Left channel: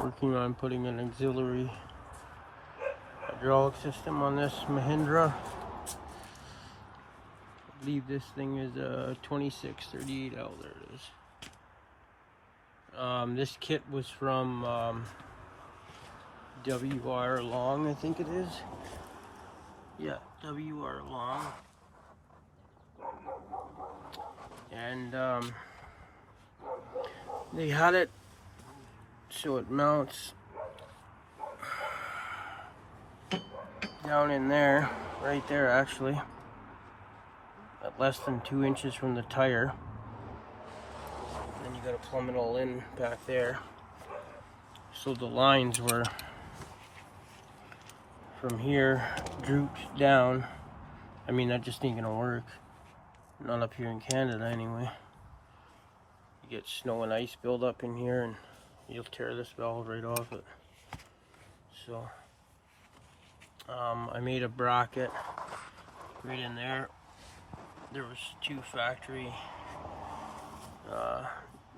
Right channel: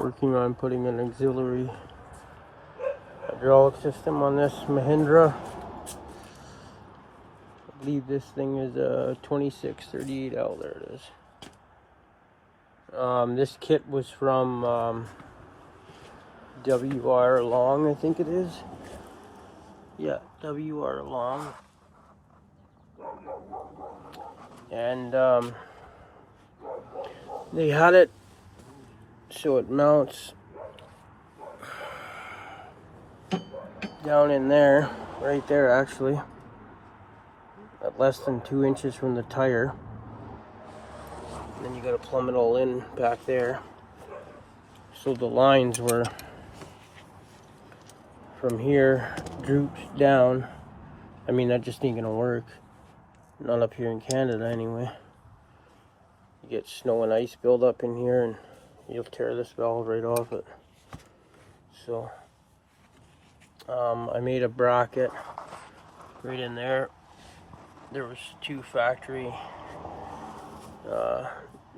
Working on putting an auxiliary hydraulic system on this Mahindra. I believe this thing is a 2638L. There it is. This kit was from WR Long, I think it is. Yeah, WR Long. And they had it so it mounts down in there, right there actually, at less than 2 inches from the tire. And then you gotta plumb it all in back there. So the lines were from here drooped down. I mean, that just ain't gonna work. Not up here in Canada anyway. You get snow and ice build up in here and you'll tear this valve right off it. So I made a bracket right in there. There was 2 factory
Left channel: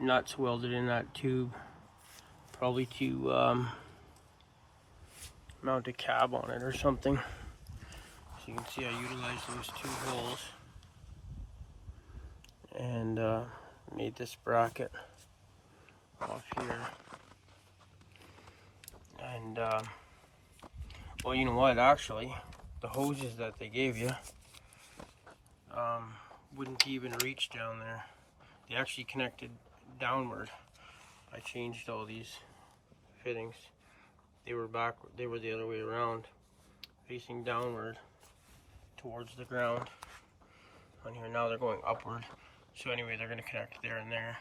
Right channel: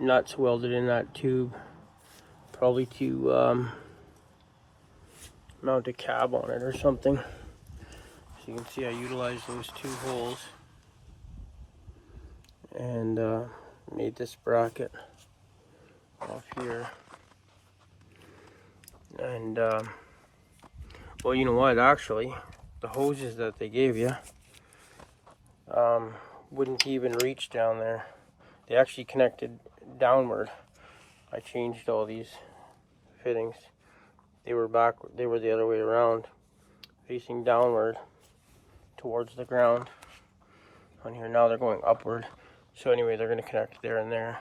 nuts welded in that tube, probably to mount a cab on it or something. So you can see I utilized those 2 holes and made this bracket off here. And well, you know what, actually the hoses that they gave you wouldn't even reach down there. They actually connected downward. I changed all these fittings. They were the other way around, facing downward towards the ground on here. Now they're going upward. So anyway, they're going to connect there and there.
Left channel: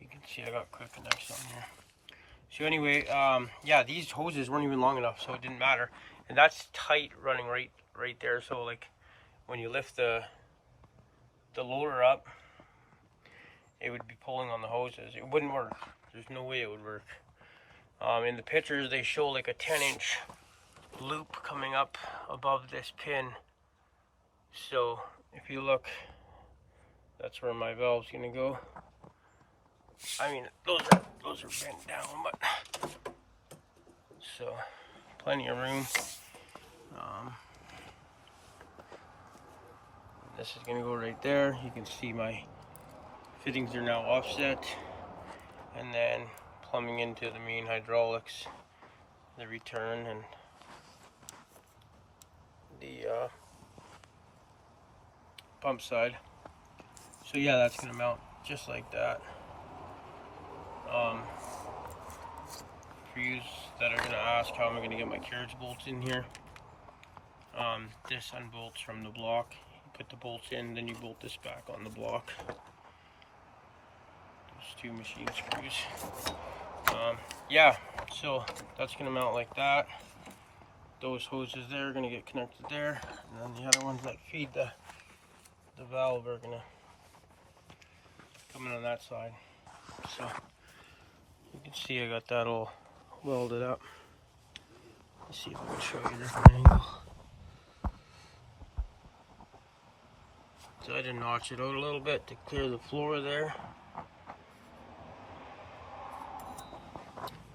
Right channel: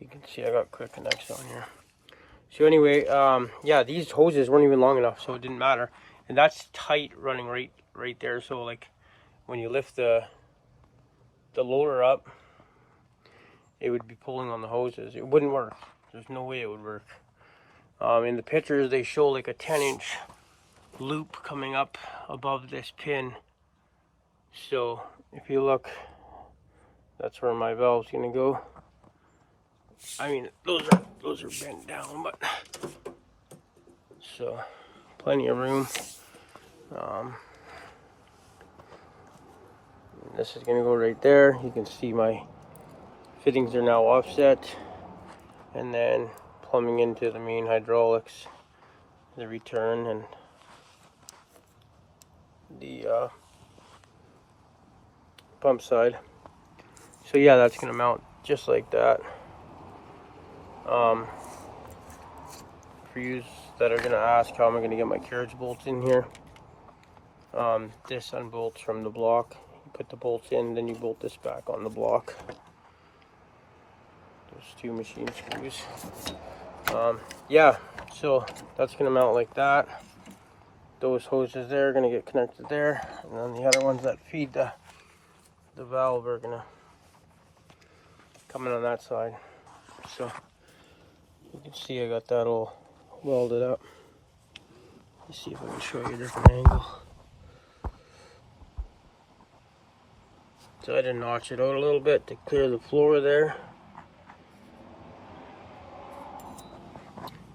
You can see I got quick connects on here. So anyway, yeah, these hoses weren't even long enough, so it didn't matter. And that's tight running right there. So like when you lift the loader up, it would be pulling on the hoses. It wouldn't work. There's no way it would work. In the pictures, they show like a 10-inch loop coming up above this pin. So if you look, that's where my valve's gonna go. I mean, those are bent down, but so plenty of room. This is gonna go right there. You can see my fittings are now offset, and then plumbing into the main hydraulics, the return, and the pump side. So yeah, that's gonna mount just like that. For you that are gonna ask how am I gonna get my carriage bolts in here, this unbolts from the block. You put the bolts in, then you bolt this back on the block. There's 2 machine screws. Yeah, so that's gonna mount like that. Those hoses there are gonna get connected there, and then the other ones that feed the valve are gonna come in on that side. So you can see I got that all welded up. Let's see if I can show you a different angle. So I had to notch it out a little bit to clear the floor there.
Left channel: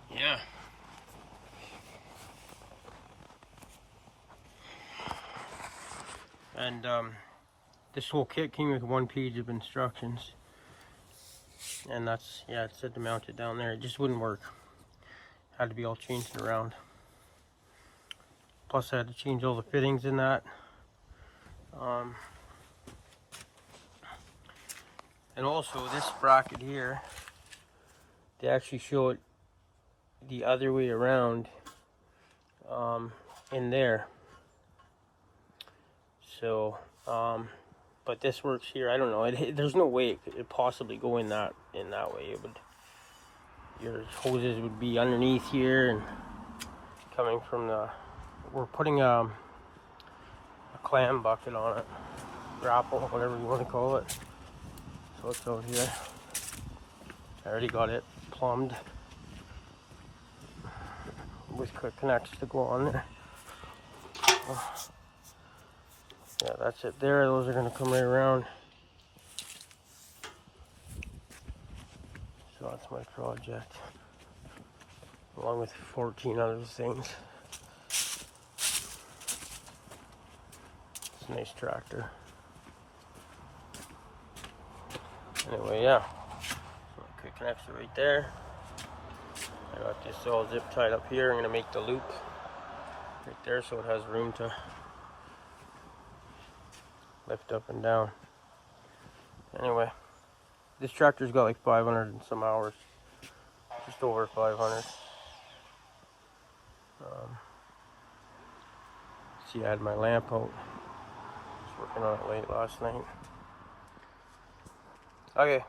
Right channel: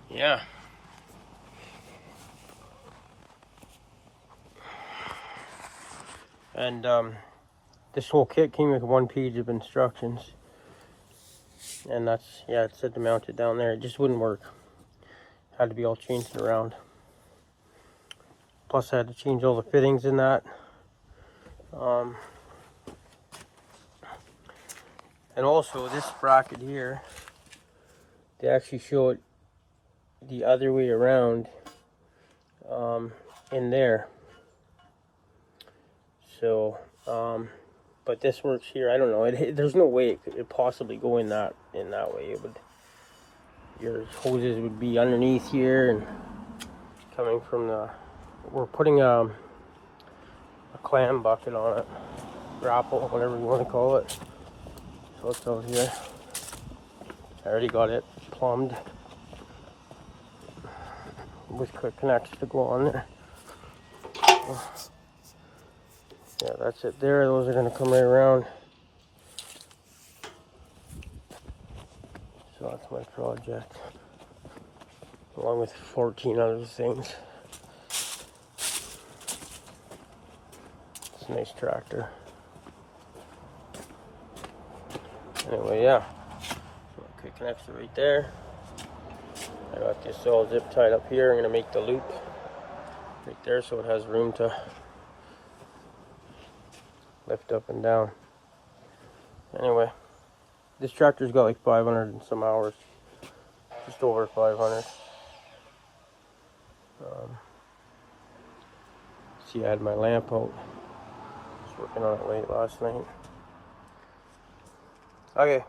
Yeah. And this whole kit came with 1 page of instructions. And that's, yeah, it said to mount it down there. It just wouldn't work. Had to be all changed around. Plus I had to change all the fittings in that. And also this bracket here, they actually show it the other way around in there. So but this works here. I don't know, there's no way it could possibly go in that way. It would, your hoses would be underneath here and coming from the, we're putting a clam bucket on it, grapple, whatever you want to call it. So it's out here. I already got it plumbed with quick connects to go on there. Yeah, that's it there. Those are going to come right around. So that's my project. along with 14 other things. It's a nice tractor. Anyway, yeah. So quick connection right there. I got this all zip tied up here. I'm gonna make the loop right there so it has room to lift up and down. Anyway, this tractor's got like 500 and some hours, just over 500. See, I had my lamp out. I was working on it late last night. Okay,